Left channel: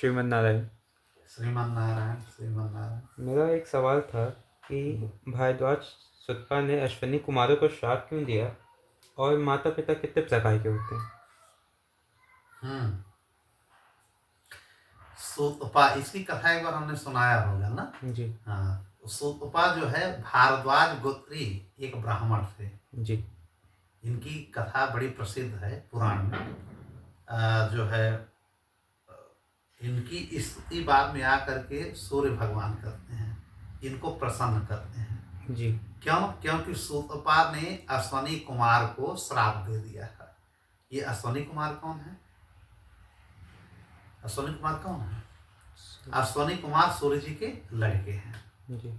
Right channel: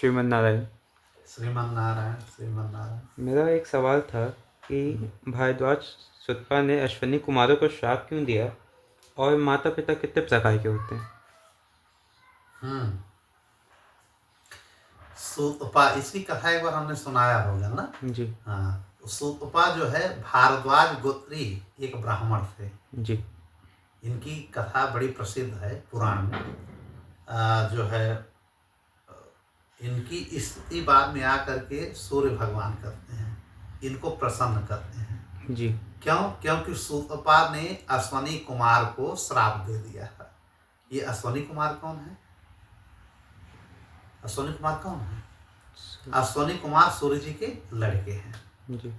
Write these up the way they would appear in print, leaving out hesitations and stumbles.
श्रीमन नारायण। श्रीमन नारायण श्रीमन नारायण। मेरा एक सवाल था कि भारद्वाज सुतपा ने अश्विनी कुमारों को श्राप क्यों दिया और माता पिता कितने प्रकार के होते हैं? सूतपा, इसकी कथा एक बार हमने सुनाया होगा ना। जी हाँ, सूतपा जो है भारद्वाज गोत्री एक ब्राह्मण थे। जी इनकी कथा बड़ी प्रसिद्ध है पुराण में। जो है इनकी स्तुति बाद में आकर के सूर्य भगवान करते हैं, इनको प्रसन्न करते हैं। जी क्यों? क्योंकि सूतपा ने अश्वनी कुमार को श्राप दे दिया है। ये अश्वनी कुमार कौन है? अश्वनी कुमार कौन है? अश्वनी कुमार सूर्य जी के लड़के हैं। जी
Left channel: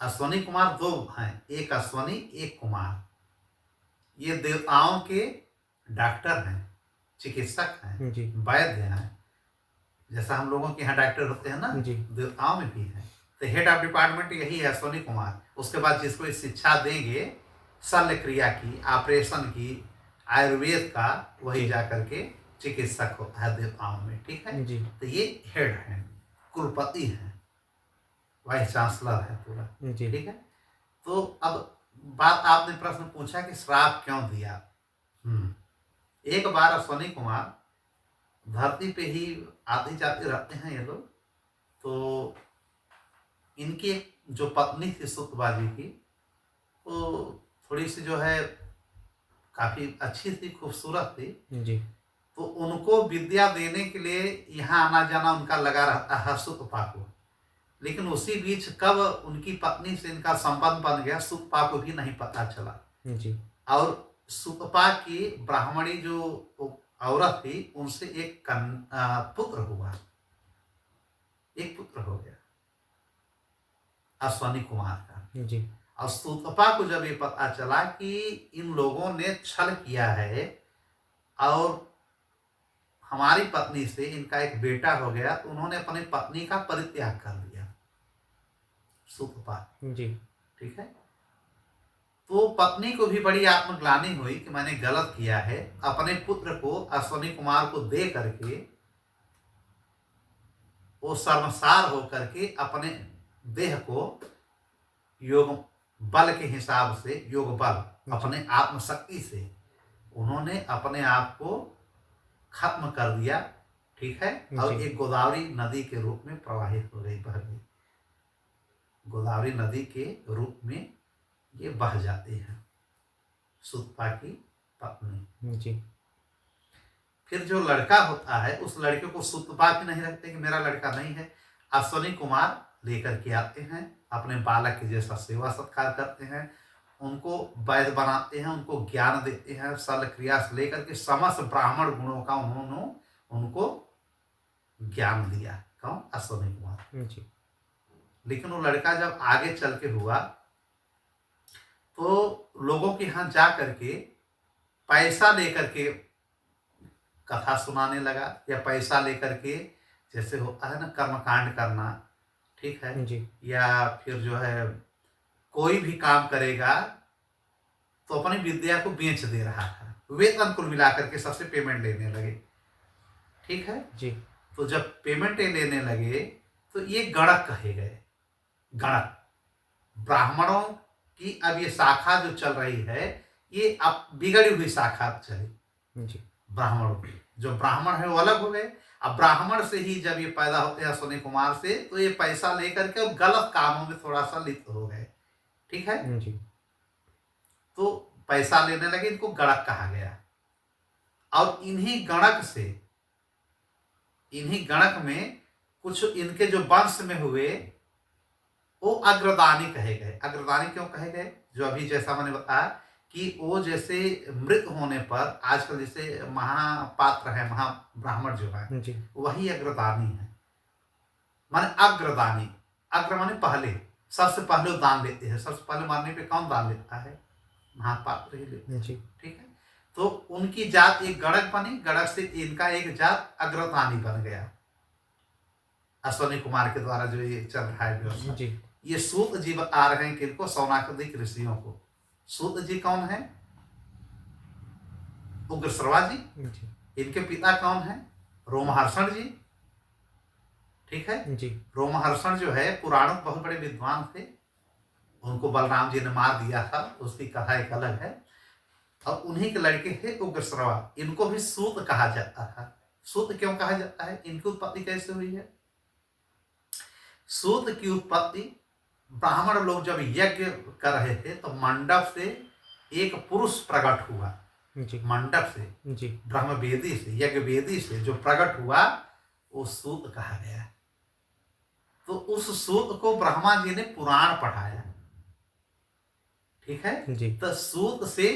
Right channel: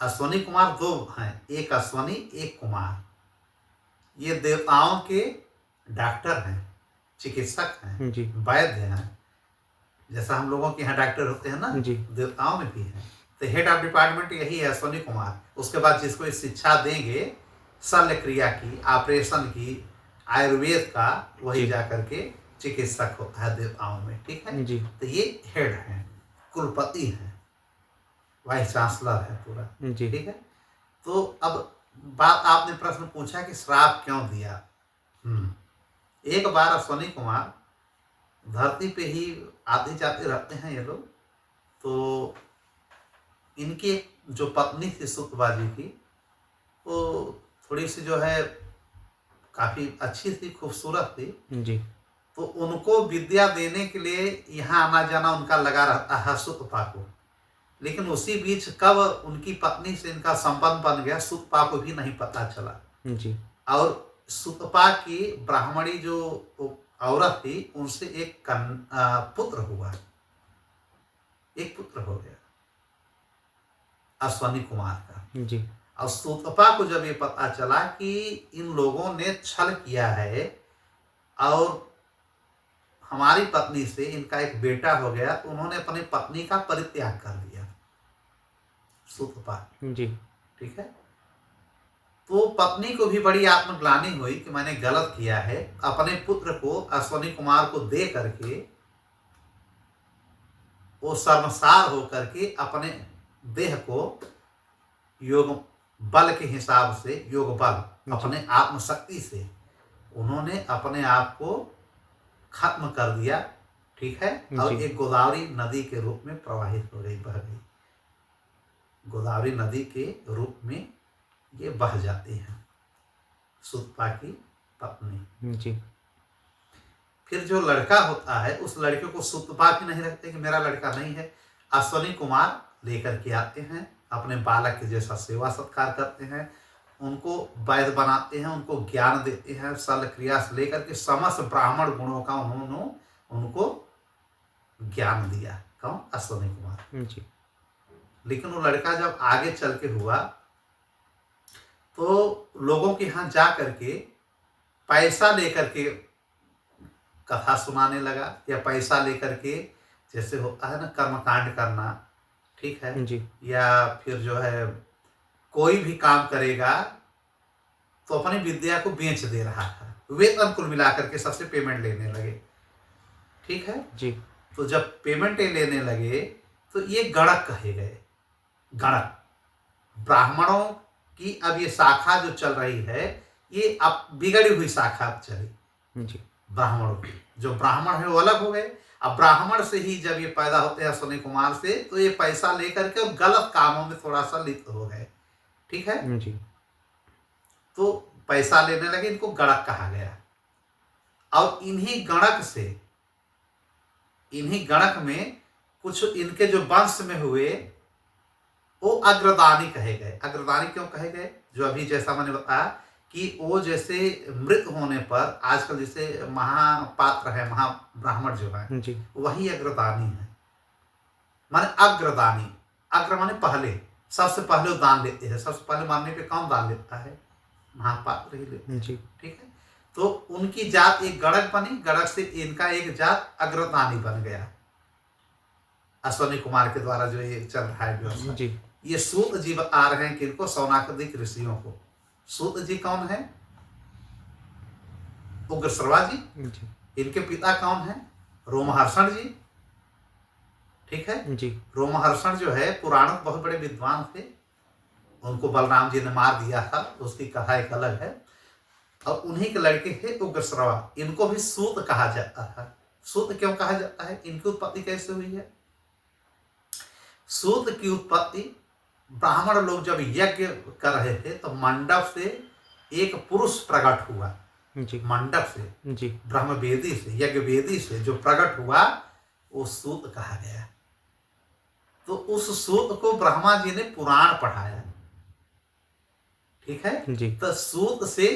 अश्वनी कुमार दो हैं, एक अश्वनी एक कुमार। ये देवताओं के डॉक्टर हैं, चिकित्सक हैं, जी वैद्य हैं। जैसा हम लोगों के यहाँ डॉक्टर होते हैं ना, जी देवताओं में भी हैं। तो हेड ऑफ डिपार्टमेंट यही है, अश्वनी कुमार। उसके बाद जिसको शिक्षा देंगे शल्य क्रिया की, ऑपरेशन की, आयुर्वेद का, वही जी। जा करके चिकित्सक होता है देवताओं में। ठीक है जी तो ये हेड हैं, कुलपति हैं, वाइस चांसलर है पूरा। जी ठीक है। तो अब बात, आपने प्रश्न पूछा कि श्राप क्यों दिया। एक बार अश्वनी कुमार धरती पे ही आते जाते रहते हैं ये लोग। तो इनकी जो पत्नी थी सुतपा जी की, वो थोड़ी सी जो है काफी अच्छी थी, खूबसूरत थी। जी तो उनको विद्या देने के लिए यहाँ आना जाना उनका लगा रहता है सुतपा को। लेकिन उसी बीच कब उनकी पत्नी से इनका संबंध बन गया, सुतपा को भी नहीं पता चला। जी और सुतपा की ब्राह्मणी जो औरत थी, उनसे एक पुत्र हुआ, एक पुत्र हो गया अश्वनी कुमार का। जी और सुतपा को जब ये पता चला कि इन लोगों ने छल किया है और हमारी पत्नी से इनका एक बेटा हो गया, तो उन्होंने अपनी पत्नी का परित्याग कर दिया, सुतपा। जी ठीक है। तो पत्नी को भी बड़ी आत्मग्लानि हुई कि मैंने गलत किया है। अपने पुत्र को अश्वनी कुमार को दे करके वो शर्मसार होकर के अपने देह को योग बल के हिसाब से, योग बल, अपने आत्मशक्ति से उन्होंने अपने आप को खत्म कर दिया। ठीक है। और जी। एक गोदावरी नदी के रूप में प्रवाहित हो गई, बह गई। गोदावरी नदी के रूप में ये बह जाती है सुतपा की पत्नी। जी फिर जो लड़का होता है, उस लड़के को सुतपा भी नहीं रखते कि मेरा लड़का नहीं है। अश्वनी कुमार लेकर के आते हैं, अपने बालक के जैसा सेवा सत्कार करते हैं, उनको वैद्य बनाते हैं, उनको ज्ञान देते हैं, शल्य क्रिया से लेकर के समस्त ब्राह्मण गुणों का उन्होंने उनको ज्ञान दिया। कौन? अश्वनी कुमार। जी लेकिन वो लड़का जब आगे चल के हुआ, तो लोगों के यहाँ जा करके पैसा लेकर के कथा सुनाने लगा, या पैसा लेकर के, जैसे होता है ना कर्मकांड करना, ठीक है, जी या फिर जो है कोई भी काम करेगा तो अपनी विद्या को बेच दे रहा था। वेतन कुल मिलाकर के सबसे पेमेंट लेने लगे। ठीक है। जी तो जब पेमेंट लेने लगे तो ये गणक कहे गए। गणक ब्राह्मणों की अब ये शाखा जो चल रही है, ये अब बिगड़ी हुई शाखा अब चली। जी ब्राह्मणों की जो ब्राह्मण है वो अलग हो गए। अब ब्राह्मण से ही जब ये पैदा होते हैं अश्वनी कुमार से, तो ये पैसा लेकर के और गलत कामों में थोड़ा सा लिप्त हो गए। ठीक है। जी तो पैसा लेने लगे, इनको गणक कहा गया। और इन्हीं गणक से, इन्हीं गणक में कुछ इनके जो वंश में हुए, वो अग्रदानी कहे गए। अग्रदानी क्यों कहे गए? जो अभी जैसा मैंने बताया कि वो जैसे मृत होने पर आजकल जैसे महापात्र है, महाब्राह्मण जो है, जी वही अग्रदानी है। माने अग्रदानी, अग्र माने पहले, सबसे पहले वो दान लेते हैं। सबसे पहले मरने पे कौन दान लेता है? महापात्र ही लेते हैं। जी ठीक है। तो उनकी जात एक गणक बनी, गणक से इनका एक जात अग्रदानी बन गया, अश्वनी कुमार के द्वारा जो ये चल रहा है व्यवस्था। जी ये सूत जी बता रहे हैं किनको? सौनाकदिक ऋषियों को। सूत जी कौन है? उग्रश्रवा जी। जी इनके पिता कौन है? रोमहर्षण जी। ठीक है। जी रोमहर्षण जो है पुराणों के बहुत बड़े विद्वान थे, उनको बलराम जी ने मार दिया था, उसकी कथा एक अलग है। और उन्हीं के लड़के थे उग्रश्रवा, इनको भी सूत कहा जाता था। सूत क्यों कहा जाता है, इनकी उत्पत्ति कैसे हुई है? सूत की उत्पत्ति, ब्राह्मण लोग जब यज्ञ कर रहे थे तो मंडप से एक पुरुष प्रकट हुआ। जी मंडप से, जी ब्रह्म वेदी से, यज्ञ वेदी से जो प्रकट हुआ वो सूत कहा गया। तो उस सूत को ब्रह्मा जी ने पुराण पढ़ाया, ठीक है। जी तो सूत से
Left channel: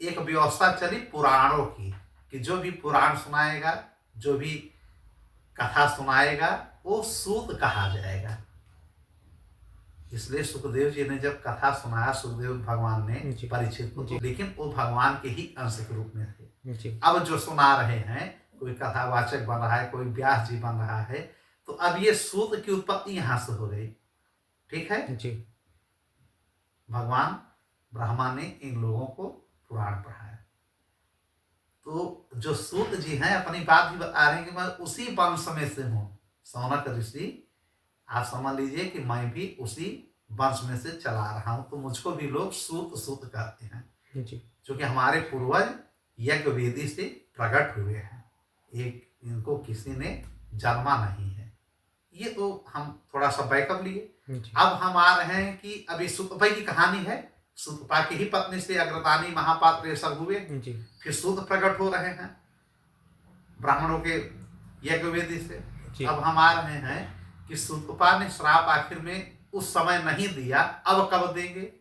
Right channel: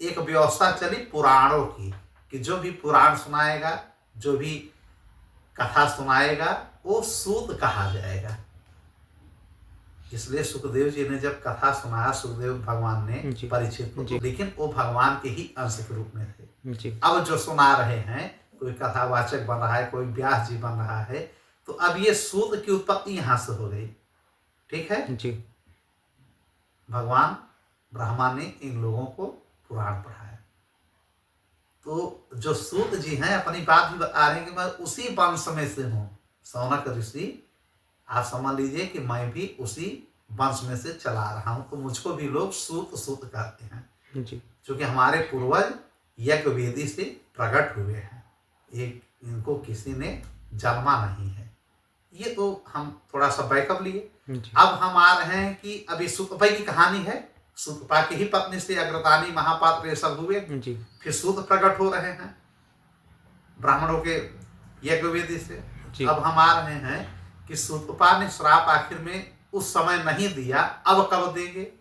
एक व्यवस्था चली पुराणों की, कि जो भी पुराण सुनाएगा, जो भी कथा सुनाएगा, वो सूत कहा जाएगा। इसलिए सुखदेव जी ने जब कथा सुनाया, सुखदेव भगवान ने जी परीक्षित को, जी तो लेकिन वो भगवान के ही अंश के रूप में थे। जी अब जो सुना रहे हैं, कोई कथावाचक बन रहा है, कोई व्यास जी बन रहा है, तो अब ये सूत की उत्पत्ति यहां से हो गई, ठीक है। जी भगवान ब्रह्मा ने इन लोगों को पुराण पढ़ाया। तो जो सूत जी हैं अपनी बात भी बता रहे हैं कि मैं उसी वंश में से हूं, सौनक ऋषि, आप समझ लीजिए कि मैं भी उसी वंश में से चला रहा हूं, तो मुझको भी लोग सूत सूत कहते हैं, जी क्योंकि हमारे पूर्वज यज्ञ वेदी से प्रकट हुए हैं, एक इनको किसी ने जन्मा नहीं है। ये तो हम थोड़ा सा बैकअप लिए। जी अब हम आ रहे हैं कि अभी सुतपा की कहानी है। सुतपा की ही पत्नी से अग्रतानी महापात्र ये सब हुए, जी फिर सूत प्रकट हो रहे हैं ब्राह्मणों के यज्ञ वेदी से। जी अब हम आ रहे हैं कि सुतपा ने श्राप आखिर में उस समय नहीं दिया, अब कब देंगे?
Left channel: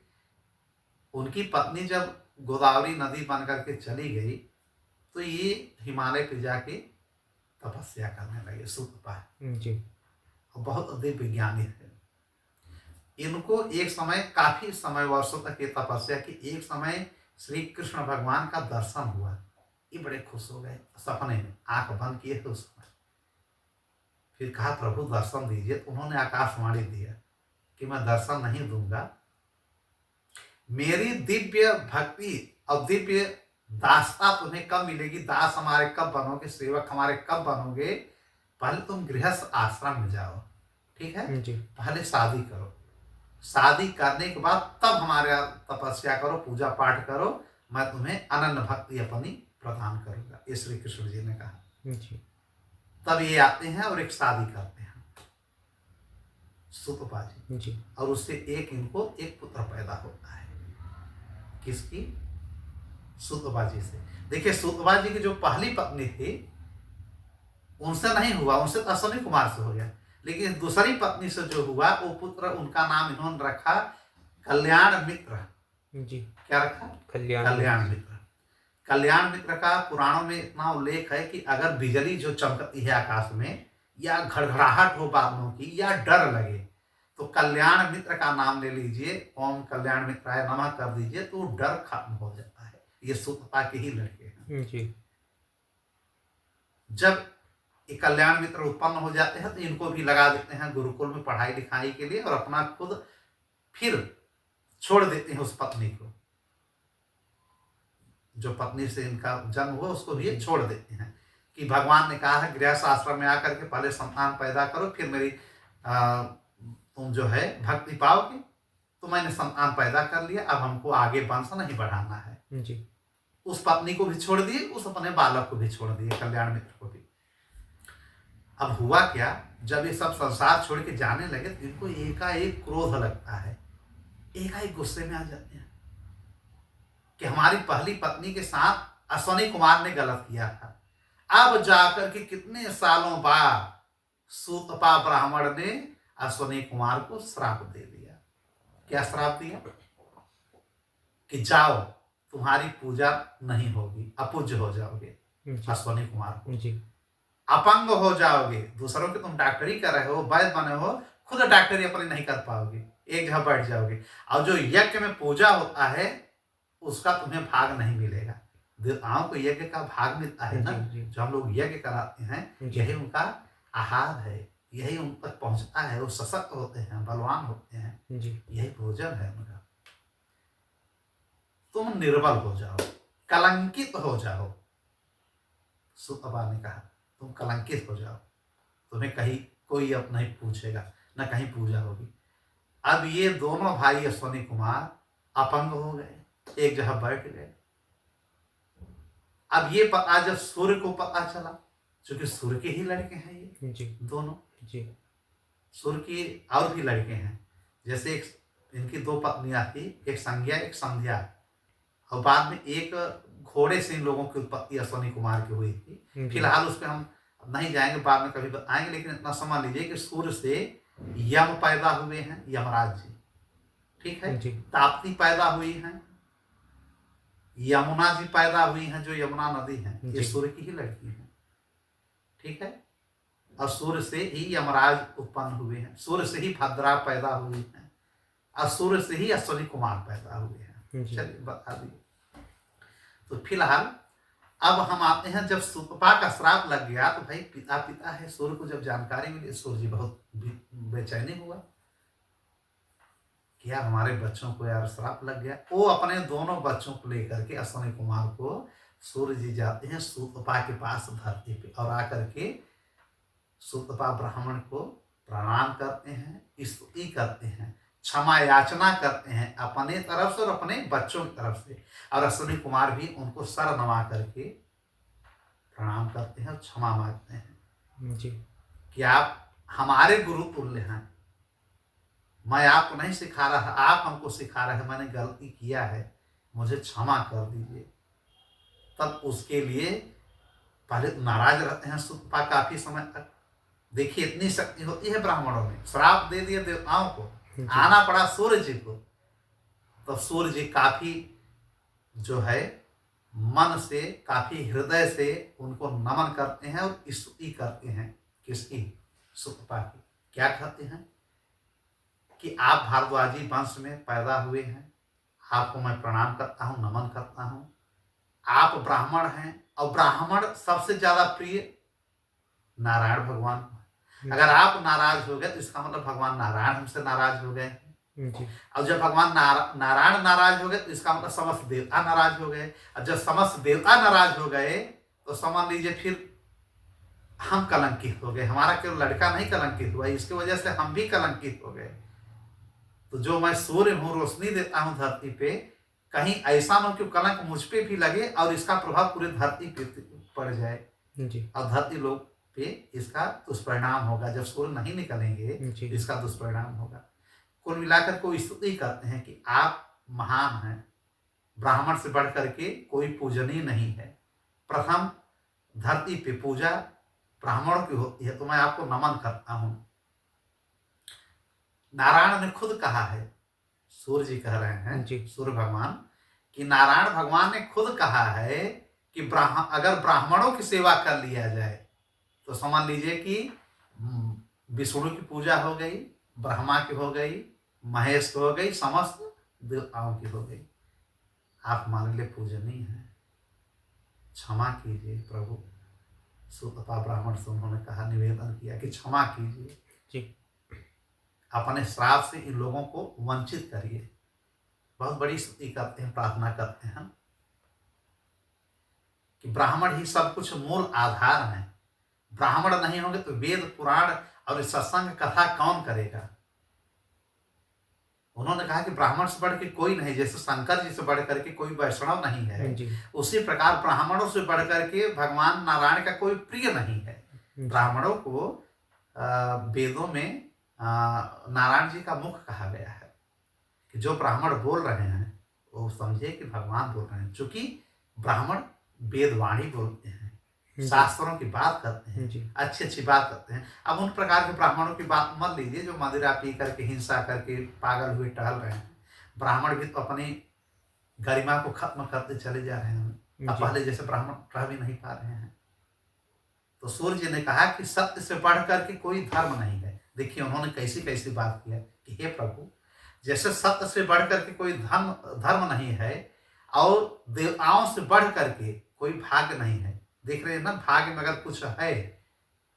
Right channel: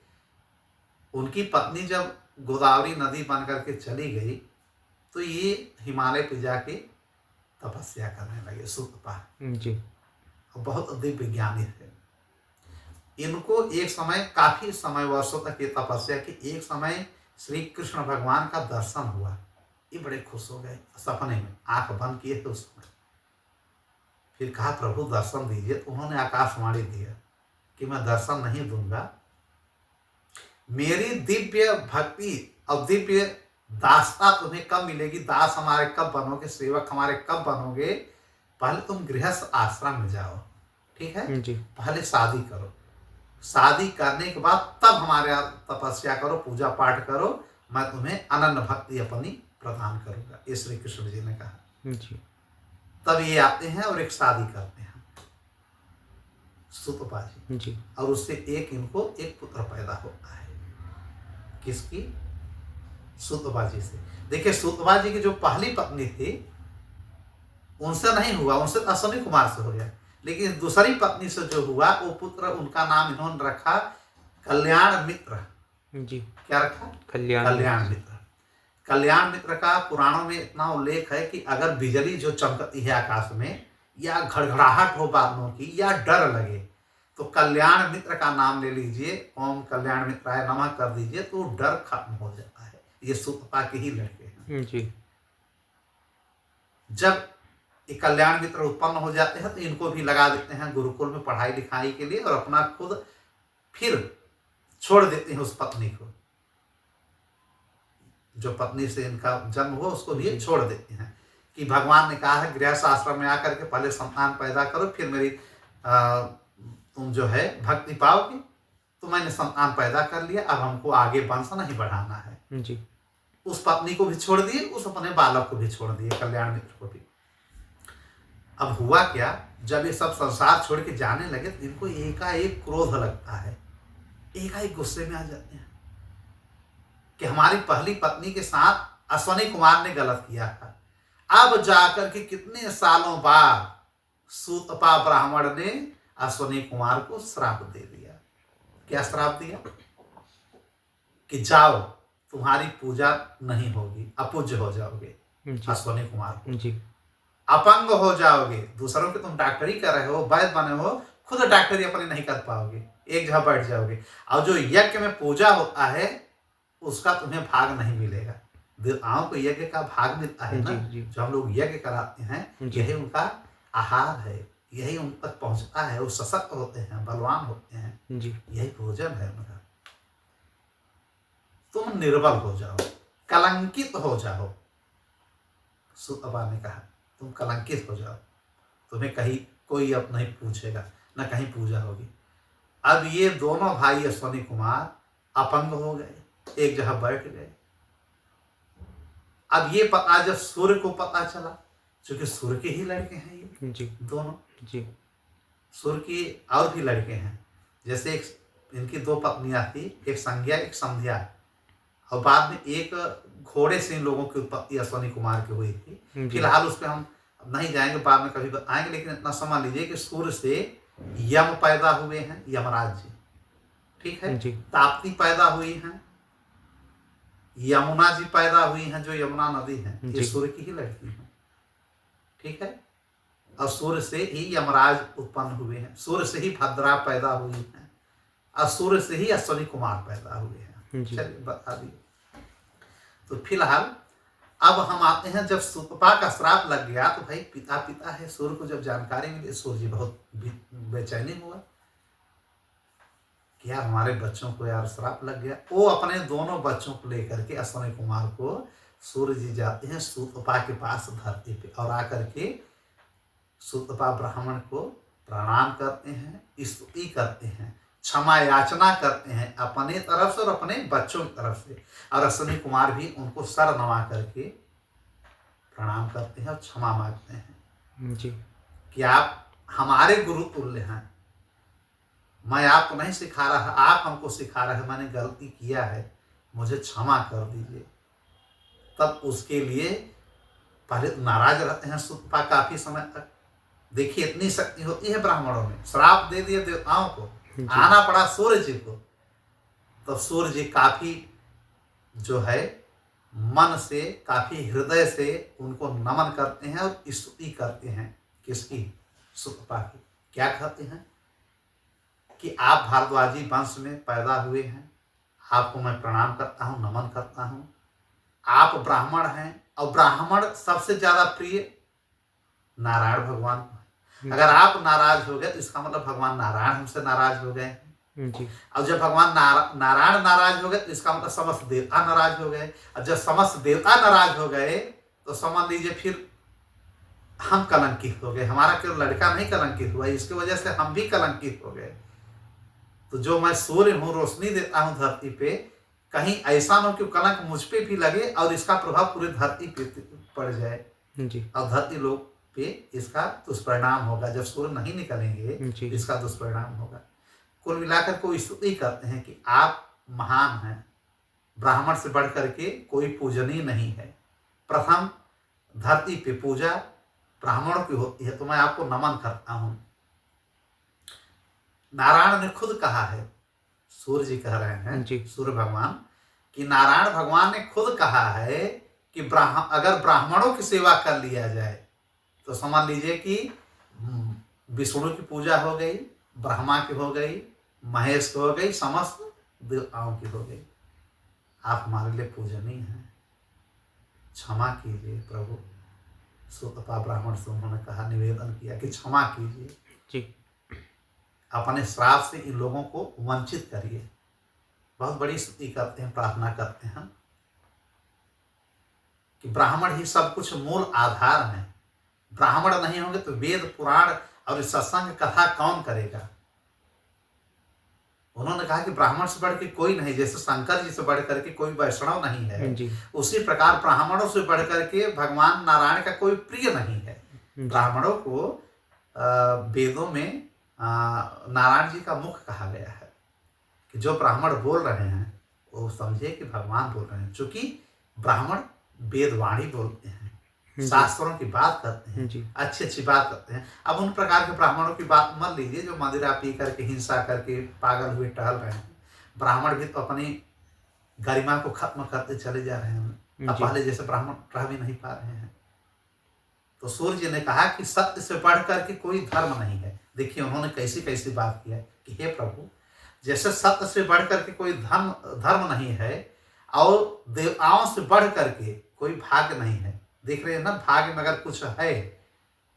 उनकी पत्नी जब गोदावरी नदी बन करके चली गई तो ये हिमालय पे जाके तपस्या करने लगे सुतपा। जी बहुत दिव्य ज्ञानी थे। इनको एक समय, काफी समय, वर्षों तक ये तपस्या की, एक समय श्री कृष्ण भगवान का दर्शन हुआ। ये बड़े खुश हो गए, सपने में आंख बंद किए थे उस समय। फिर कहा प्रभु दर्शन दीजिए, तो उन्होंने आकाशवाणी दिया कि मैं दर्शन नहीं दूंगा, मेरी दिव्य भक्ति और दिव्य दासता तुम्हें कब मिलेगी, दास हमारे कब बनोगे, सेवक हमारे कब बनोगे, पहले तुम गृहस्थ आश्रम में जाओ, ठीक है। जी पहले शादी करो, शादी करने के बाद तब हमारे यहाँ तपस्या करो, पूजा पाठ करो, मैं तुम्हें अनन्य भक्ति अपनी प्रदान करूंगा, ये श्री कृष्ण जी ने कहा। जी तब ये आते हैं और एक शादी करते हैं सुतपा जी, जी और उससे इनको एक पुत्र पैदा होता है। किसकी? सुतपा जी से। देखिए सुतपा जी की जो पहली पत्नी थी उनसे नहीं हुआ, उनसे अश्विनी कुमार से हो गया, लेकिन दूसरी पत्नी से जो हुआ वो पुत्र, उनका नाम इन्होंने रखा कल्याण मित्र। जी क्या रखा? कल्याण कल्याण मित्र। कल्याण मित्र का पुराणों में इतना उल्लेख है कि अगर बिजली जो चमकती है आकाश में, या घड़घड़ाहट हो बादलों की, या डर लगे, तो कल्याण मित्र का नाम ले लीजिए, ओम कल्याण मित्राय नमः कर दीजिए, तो डर खत्म हो जाता है। ये सुतपा के ही लड़के हैं। जी जब ये कल्याण मित्र उत्पन्न हो जाते हैं तो इनको भी लगा देते हैं गुरुकुल में पढ़ाई लिखाई के लिए, और अपना खुद फिर छोड़ देते हैं उस पत्नी को, जो पत्नी से इनका जन्म हुआ उसको भी छोड़ देते हैं, कि भगवान ने कहा है गृहस्थ आश्रम में आकर के पहले संतान पैदा करो, फिर मेरी तुम जो है भक्ति पाओगे। तो मैंने संतान पैदा कर लिया, अब हमको आगे वंश नहीं बढ़ाना है। जी उस पत्नी को भी छोड़ दिए, उस अपने बालक को भी छोड़ दिए, कल्याण मित्र को भी। अब हुआ क्या, जब ये सब संसार छोड़ के जाने लगे तो इनको एकाएक क्रोध लगता है, एकाएक गुस्से में आ जाते हैं कि हमारी पहली पत्नी के साथ अश्विनी कुमार ने गलत किया था। अब जाकर के कितने सालों बाद सूतपा ब्राह्मण ने अश्विनी कुमार को श्राप दे दिया। क्या श्राप दिया? कि जाओ, तुम्हारी पूजा नहीं होगी, अपूज्य हो जाओगे। अश्विनी कुमार को जी अपंग हो जाओगे, दूसरों के तुम डॉक्टरी कर रहे हो, वैद्य बने हो, खुद डॉक्टरी अपनी नहीं कर पाओगे, एक जगह बैठ जाओगे, और जो यज्ञ में पूजा होता है उसका तुम्हें भाग नहीं मिलेगा। देवताओं को यज्ञ का भाग मिलता है ना, जो हम लोग यज्ञ कराते हैं, यही उनका आहार है, यही उन तक पहुंचता है, वो सशक्त होते हैं, बलवान होते हैं, यही भोजन है उनका। तुम निर्बल हो जाओ, कलंकित हो जाओ। सुतपा ने कहा तुम कलंकित हो जाओ, तुम्हें कहीं कोई अब नहीं पूछेगा, न कहीं पूजा होगी। अब ये दोनों भाई अश्वनी कुमार अपंग हो गए, एक जगह बैठ गए। अब ये पता जब सूर्य को पता चला, क्योंकि सूर्य के ही लड़के हैं ये जी दोनों, जी सूर्य की और भी लड़के हैं। जैसे एक इनकी दो पत्नियां थी, एक संज्ञा एक संध्या, और बाद में एक घोड़े से इन लोगों की उत्पत्ति अश्वनी कुमार की हुई थी। जी फिलहाल उस पर हम नहीं जाएंगे, बाद में कभी आएंगे, लेकिन इतना समझ लीजिए कि सूर्य से यम पैदा हुए हैं, यमराज जी, ठीक है। जी ताप्ती पैदा हुई हैं, यमुना जी पैदा हुई हैं, जो यमुना नदी है, ये जी सूर्य की ही लड़की है, ठीक है। और सूर्य से ही यमराज उत्पन्न हुए हैं, सूर्य से ही भद्रा पैदा हुई है, और सूर्य से ही अश्वनी कुमार पैदा हुए हैं। जी। चलिए बता दिए। तो फिलहाल अब हम आते हैं, जब सुतपा का श्राप लग गया तो भाई पिता पिता है, सूर्य को जब जानकारी मिली, सूर्य जी बहुत बेचैनी हुआ कि यार हमारे बच्चों को यार श्राप लग गया। वो अपने दोनों बच्चों को लेकर के अश्वनी कुमार को सूर्य जी जाते हैं सुतपा के पास धरती पे, और आकर के सुतपा ब्राह्मण को प्रणाम करते हैं, स्तुति करते हैं, क्षमा याचना करते हैं अपने तरफ से और अपने बच्चों की तरफ से। और अश्वनी कुमार भी उनको सर नवा करके प्रणाम करते हैं और क्षमा मांगते हैं जी कि आप हमारे गुरु तुल्य हैं, मैं आपको नहीं सिखा रहा, आप हमको सिखा रहे हैं, मैंने गलती किया है, मुझे क्षमा कर दीजिए। तब उसके लिए पहले तो नाराज रहते हैं सुतपा काफी समय तक। देखिए इतनी शक्ति होती है ब्राह्मणों में, श्राप दे दिए देवताओं को, आना पड़ा सूर्य जी को। तो सूर्य जी काफी जो है मन से, काफी हृदय से उनको नमन करते हैं और स्तुति करते हैं। किसकी? सुतपा की। क्या कहते हैं कि आप भारद्वाजी वंश में पैदा हुए हैं, आपको मैं प्रणाम करता हूँ, नमन करता हूँ। आप ब्राह्मण हैं, और ब्राह्मण सबसे ज्यादा प्रिय नारायण भगवान को है। अगर आप नाराज हो गए तो इसका मतलब भगवान नारायण हमसे नाराज हो गए। जी और जब भगवान नारायण नाराज हो गए तो इसका मतलब समस्त देवता नाराज हो गए। और जब समस्त देवता नाराज हो गए तो समझ लीजिए फिर हम कलंकित हो गए। हमारा केवल लड़का नहीं कलंकित हुआ, इसकी वजह से हम भी कलंकित हो गए। तो जो मैं सूर्य हूँ, रोशनी देता हूँ धरती पे, कहीं ऐसा न हो कि कलंक मुझ पे भी लगे और इसका प्रभाव पूरी धरती पे पड़ जाए, जी और धरती लोग पे इसका दुष्परिणाम होगा। जब सूर्य नहीं निकलेंगे जी तो इसका दुष्परिणाम होगा। कुल मिलाकर को स्तुति करते हैं कि आप महान हैं, ब्राह्मण से बढ़ करके कोई पूजनीय नहीं है। प्रथम धरती पे पूजा ब्राह्मणों की होती है, तो मैं आपको नमन करता हूं। नारायण ने खुद कहा है, सूर्य जी कह रहे हैं, जी सूर्य भगवान, कि नारायण भगवान ने खुद कहा है कि अगर ब्राह्मणों की सेवा कर लिया जाए तो समझ लीजिए कि विष्णु की पूजा हो गई, ब्रह्मा की हो गई, महेश की हो गई, समस्त देवताओं की हो गई। आप हमारे लिए पूजनीय हैं, क्षमा कीजिए प्रभु। सुतपा ब्राह्मण से उन्होंने कहा, निवेदन किया कि क्षमा कीजिए, जी अपने श्राप से इन लोगों को वंचित करिए। बहुत बड़ी स्तुति करते हैं, प्रार्थना करते हैं कि ब्राह्मण ही सब कुछ मूल आधार हैं। ब्राह्मण नहीं होंगे तो वेद पुराण और सत्संग कथा कौन करेगा। उन्होंने कहा कि ब्राह्मण से बढ़ के कोई नहीं, जैसे शंकर जी से बढ़ करके कोई वैष्णव नहीं है, जी उसी प्रकार ब्राह्मणों से बढ़ करके भगवान नारायण का कोई प्रिय नहीं है। ब्राह्मणों को वेदों में नारायण जी का मुख कहा गया है कि जो ब्राह्मण बोल रहे हैं वो समझे कि भगवान बोल रहे हैं। चूंकि ब्राह्मण वेदवाणी बोलते हैं, शास्त्रों की बात करते हैं, जी अच्छी अच्छी बात करते हैं। अब उन प्रकार के ब्राह्मणों की बात मत लीजिए जो मदिरा पी करके, हिंसा करके पागल हुए टहल रहे हैं। ब्राह्मण भी तो अपनी गरिमा को खत्म करते चले जा रहे हैं, अब पहले जैसे ब्राह्मण रह भी नहीं पा रहे हैं। तो सूर्य जी ने कहा कि सत्य से बढ़ करके कोई धर्म नहीं है। देखिए उन्होंने कैसी कैसी बात किया कि हे प्रभु, जैसे सत्य से बढ़ करके कोई धर्म नहीं है, और देवताओं से बढ़ करके कोई भाग्य नहीं है। देख रहे हैं ना, भाग्य में अगर कुछ है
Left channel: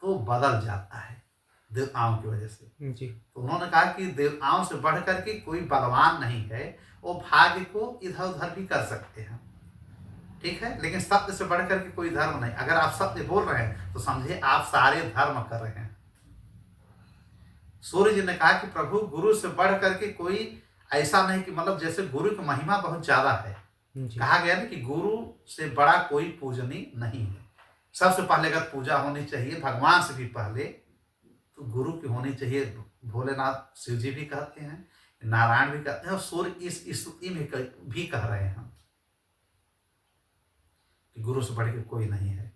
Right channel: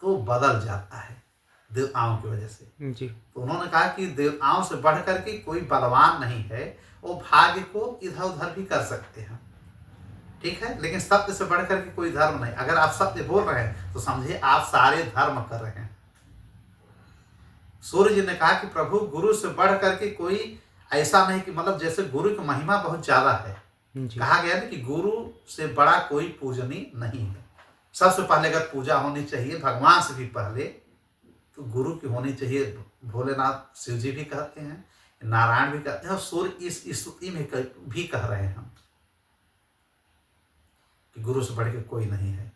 तो बदल जाता है देवताओं की वजह से। जी तो उन्होंने कहा कि देवताओं से बढ़ करके कोई बलवान नहीं है, वो भाग्य को इधर उधर भी कर सकते हैं, ठीक है, लेकिन सत्य से बढ़ करके कोई धर्म नहीं। अगर आप सत्य बोल रहे हैं तो समझिए आप सारे धर्म कर रहे हैं। सूर्य जी ने कहा कि प्रभु गुरु से बढ़ करके कोई ऐसा नहीं कि मतलब जैसे गुरु की महिमा बहुत ज्यादा है। जी कहा गया ना कि गुरु से बड़ा कोई पूजनीय नहीं है। सबसे पहले अगर पूजा होनी चाहिए भगवान से भी पहले तो गुरु की होनी चाहिए। भोलेनाथ शिव जी भी कहते हैं, नारायण भी कहते हैं, और सूर्य इस स्तुति में भी कह रहे हैं हम कि गुरु से बढ़ के कोई नहीं है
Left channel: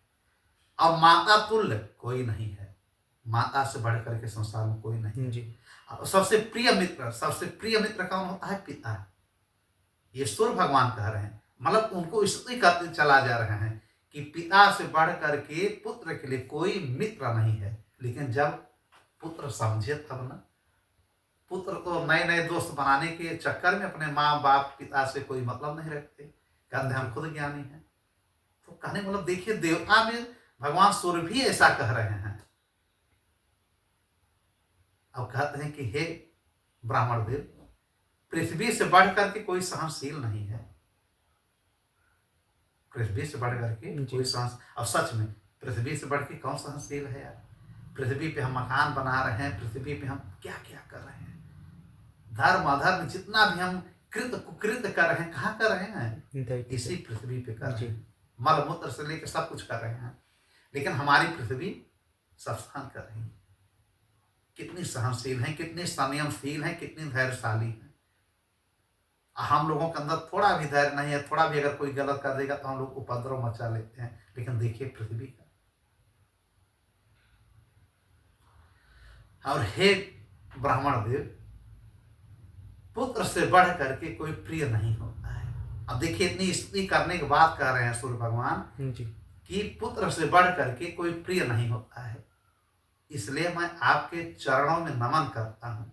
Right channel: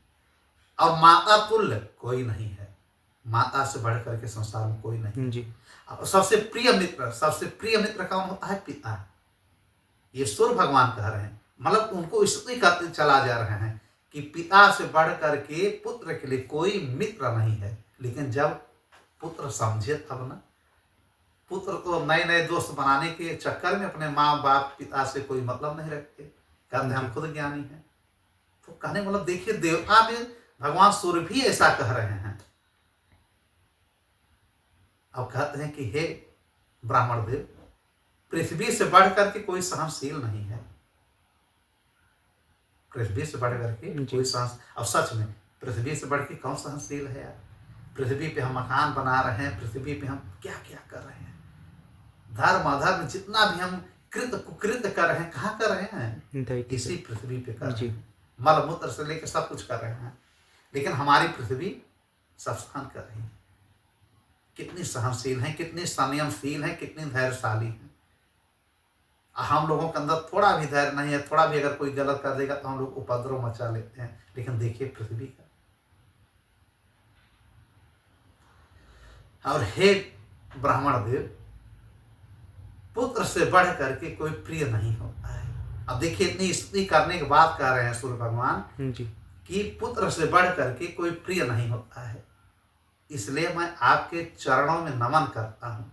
और माता तुल्य कोई नहीं है। माता से बढ़ करके संसार में कोई नहीं। जी और सबसे प्रिय मित्र कौन होता है? पिता। ये सूर्य भगवान कह रहे हैं, मतलब उनको स्तुति करते चला जा रहे हैं कि पिता से बढ़ करके पुत्र के लिए कोई मित्र नहीं है। लेकिन जब पुत्र समझे तब ना, पुत्र तो नए नए दोस्त बनाने के चक्कर में अपने माँ बाप पिता से कोई मतलब नहीं रखते, कहते हैं हम खुद ज्ञानी हैं। तो कहने मतलब देखिए देवता में भगवान सूर्य भी ऐसा कह रहे हैं। अब कहते हैं कि हे ब्राह्मण देव, पृथ्वी से बढ़ करके कोई सहनशील नहीं है। पृथ्वी से बढ़ करके कोई सहन, अब सच में पृथ्वी से बढ़ के कौन सहनशील है यार? पृथ्वी पे हम मकान बना रहे हैं, पृथ्वी पे हम क्या क्या कर रहे हैं, धर्म अधर्म जितना भी हम कृत कुकृत कर रहे हैं, कहाँ कर रहे हैं? इसी पृथ्वी पे कर रहे हैं। मल मूत्र से लेकर सब कुछ कर रहे हैं। लेकिन हमारी पृथ्वी सब सहन कर रही है। कितनी सहनशील है, कितनी संयमशील है, कितनी धैर्यशाली है। हम लोगों के अंदर थोड़ा भी धैर्य नहीं है, थोड़ा भी अगर कोई गलत कर देगा तो हम लोग उपद्रव मचा लेते हैं। लेकिन देखिए पृथ्वी का। और हे ब्राह्मण देव, पुत्र से बढ़ करके कोई प्रिय नहीं होता है। अब देखिए इतनी स्तुति करने के बाद कह रहे हैं सूर्य भगवान कि पुत्र से बढ़ करके कोई प्रिय नहीं होता है। इसलिए मैं आपके चरणों में नमन करता हूं।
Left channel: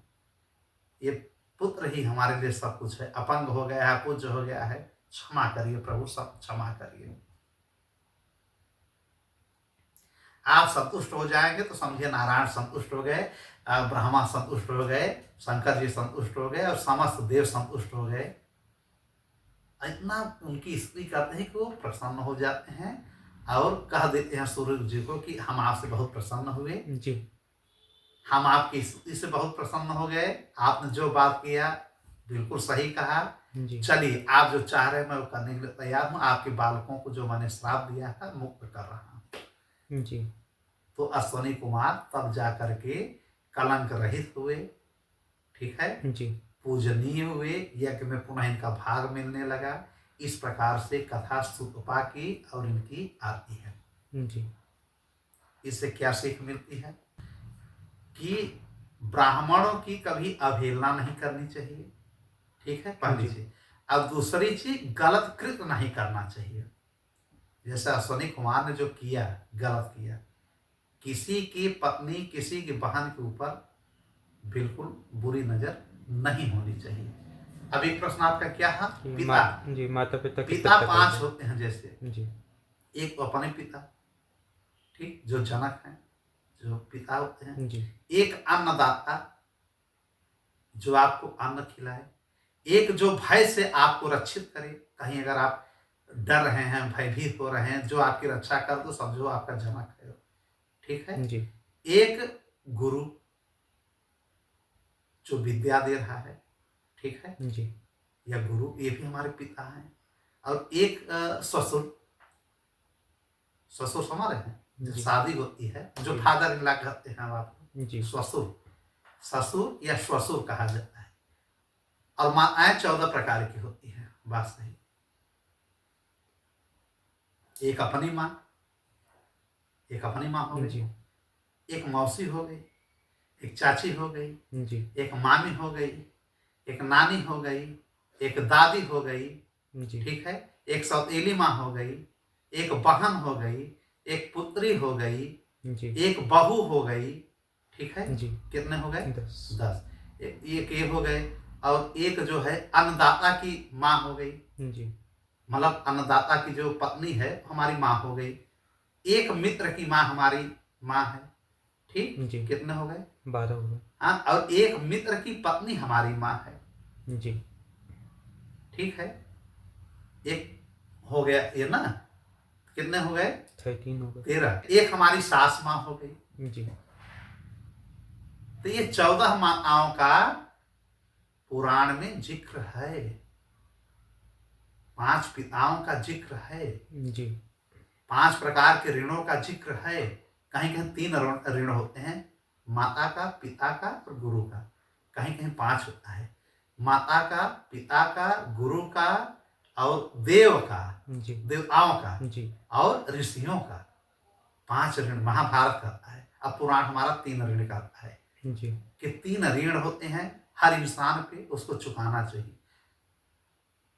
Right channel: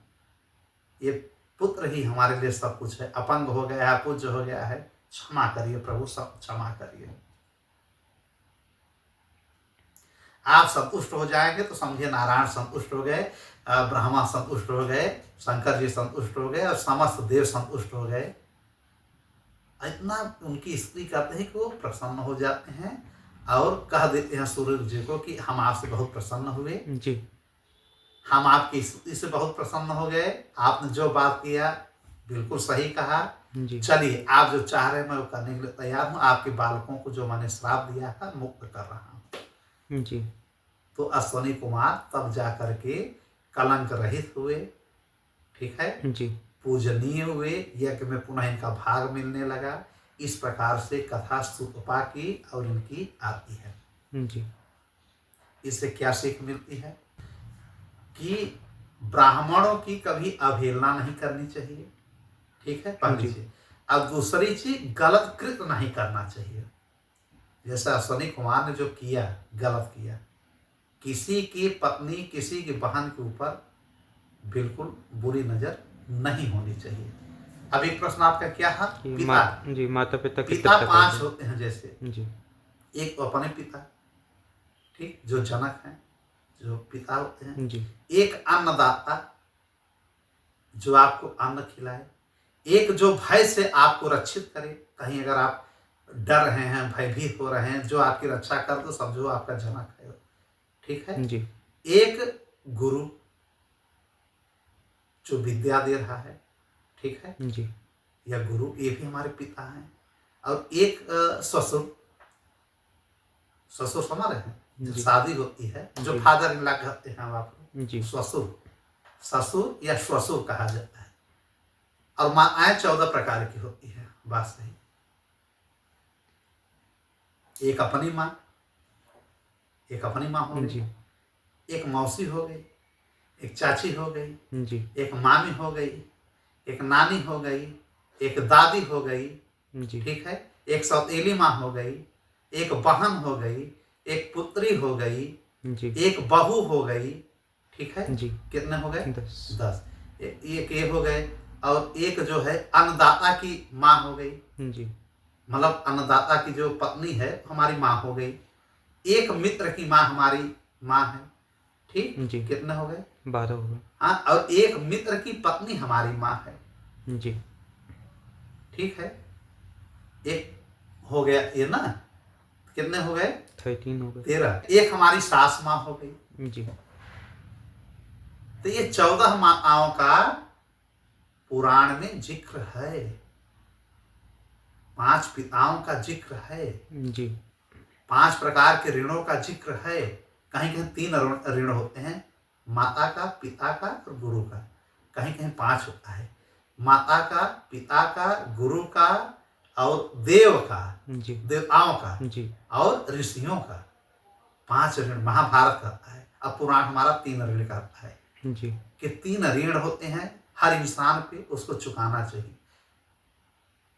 ये पुत्र ही हमारे लिए सब कुछ है। अपंग हो गया है, पूज्य हो गया है, क्षमा करिए प्रभु, सब क्षमा करिए। आप संतुष्ट हो जाएंगे तो समझिए नारायण संतुष्ट हो गए, ब्रह्मा संतुष्ट हो गए, शंकर जी संतुष्ट हो गए और समस्त देव संतुष्ट हो गए। इतना उनकी स्तुति करते हैं कि वो प्रसन्न हो जाते हैं और कह देते हैं सूर्य जी को कि हम आपसे बहुत प्रसन्न हुए जी, हम आपकी स्तुति से बहुत प्रसन्न हो गए। आपने जो बात किया बिल्कुल सही कहा। चलिए आप जो चाह रहे हैं मैं वो करने के लिए तैयार हूँ। आपके बालकों को जो मैंने श्राप दिया है मुक्त कर रहा हूँ। जी तो अश्वनी कुमार तब जा करके कलंक रहित हुए, ठीक है, जी पूजनीय हुए, यज्ञ में पुनः इनका भाग मिलने लगा। इस प्रकार से कथा सुतपा की और इनकी आती है। जी इससे क्या सीख मिलती है कि ब्राह्मणों की कभी अवहेलना नहीं करनी चाहिए, ठीक है, पहली चीज। अब दूसरी चीज गलत कृत्य नहीं करना चाहिए। जैसे अश्वनी कुमार ने जो किया गलत किया, किसी की पत्नी किसी की बहन के ऊपर बिल्कुल बुरी नजर नहीं होनी चाहिए। अब एक प्रश्न आपका क्या है? पिता जी, माता पिता पिता पांच होते हैं। जैसे जी, एक तो अपने पिता, ठीक, जो जनक हैं, जो पिता होते हैं जी, एक अन्नदाता जो आपको अन्न खिलाए, एक जो भय से आपको रक्षित करे, कहीं अगर आप डर रहे हैं, भयभीत हो रहे हैं, जो आपकी रक्षा कर तो समझो आपका जनक है, ठीक है जी, एक गुरु जो विद्या दे रहा है, ठीक है जी, या गुरु, ये भी हमारे पिता हैं। और एक ससुर, ससुर समझ रहे हैं, जब शादी होती है जो फादर इन लॉ कहते हैं हम आपको, ससुर, ससुर या श्वसुर कहा जाता है। और माताएं 14 प्रकार की होती है, बात सही। एक अपनी माँ, एक अपनी माँ हो गई, एक मौसी हो गई, एक चाची हो गई, एक मामी हो गई, एक नानी हो गई, एक दादी हो गई, ठीक है, एक सौतेली माँ हो गई, एक बहन हो गई, एक पुत्री हो गई, एक बहू हो गई, ठीक है, कितने हो गए? 10। एक ये हो गए। और एक जो है अन्नदाता की माँ हो गई, मतलब अन्नदाता की जो पत्नी है हमारी माँ हो गई। एक मित्र की माँ हमारी माँ है, ठीक, कितने हो गए? 12 हो गए। हाँ, और एक मित्र की पत्नी हमारी माँ है, जी, ठीक है, एक हो गया ये ना, कितने हो गए? 13 हो गए। 13। एक हमारी सास माँ हो गई, जी, तो ये 14 माताओं का पुराण में जिक्र है, 5 पिताओं का जिक्र है, जी 5 प्रकार के ऋणों का जिक्र है। कहीं कहीं 3 ऋण होते हैं, माता का, पिता का और गुरु का। कहीं कहीं 5 होता है, माता का, पिता का, गुरु का और देव का, जी देवताओं का जी और ऋषियों का। 5 ऋण महाभारत कहता है। अब पुराण हमारा 3 ऋण कहता है जी कि 3 ऋण होते हैं हर इंसान पे, उसको चुकाना चाहिए।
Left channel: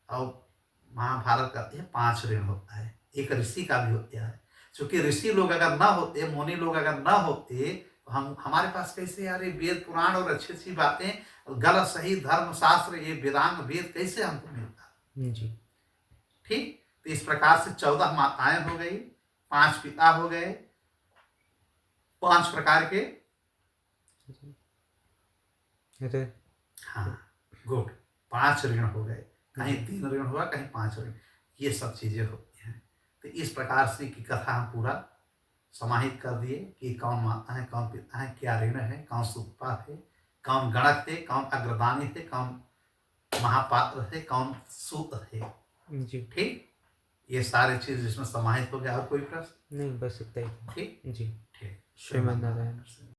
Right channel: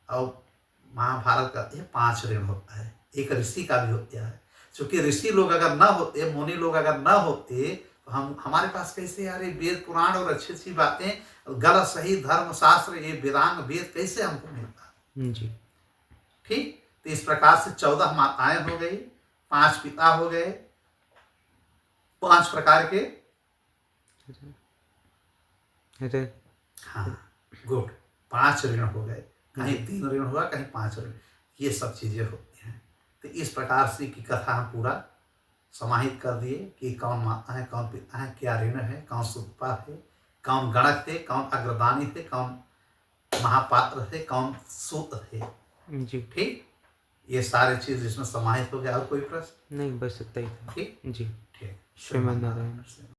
और महाभारत कहते हैं 5 ऋण होता है, एक ऋषि का भी होता है। क्योंकि ऋषि लोग अगर न होते, मुनि लोग अगर न होते, तो हमारे पास कैसे यार ये वेद पुराण और अच्छी अच्छी बातें, गलत सही धर्म शास्त्र, ये वेदांग वेद कैसे हमको मिलता। जी ठीक, तो इस प्रकार से 14 माताएं हो गई, 5 पिता हो गए, 5 प्रकार के, अरे हाँ गुड, 5 ऋण हो गए। कहीं 3 ऋण हुआ, कहीं 5 ऋण, ये सब चीजें होती हैं। तो इस प्रकार से की कथा हम पूरा समाहित कर दिए कि कौन माता है, कौन पिता है, क्या ऋण है, कौन सुतपा है, कौन गणक है, कौन अग्रदानी है, कौन महापात्र है, कौन सूत है। जी ठीक, ये सारे चीज इसमें समाहित हो गया। और कोई प्रश्न? नहीं, बस इतना ही था। ठीक जी ठीक, श्रीमद् नारायण।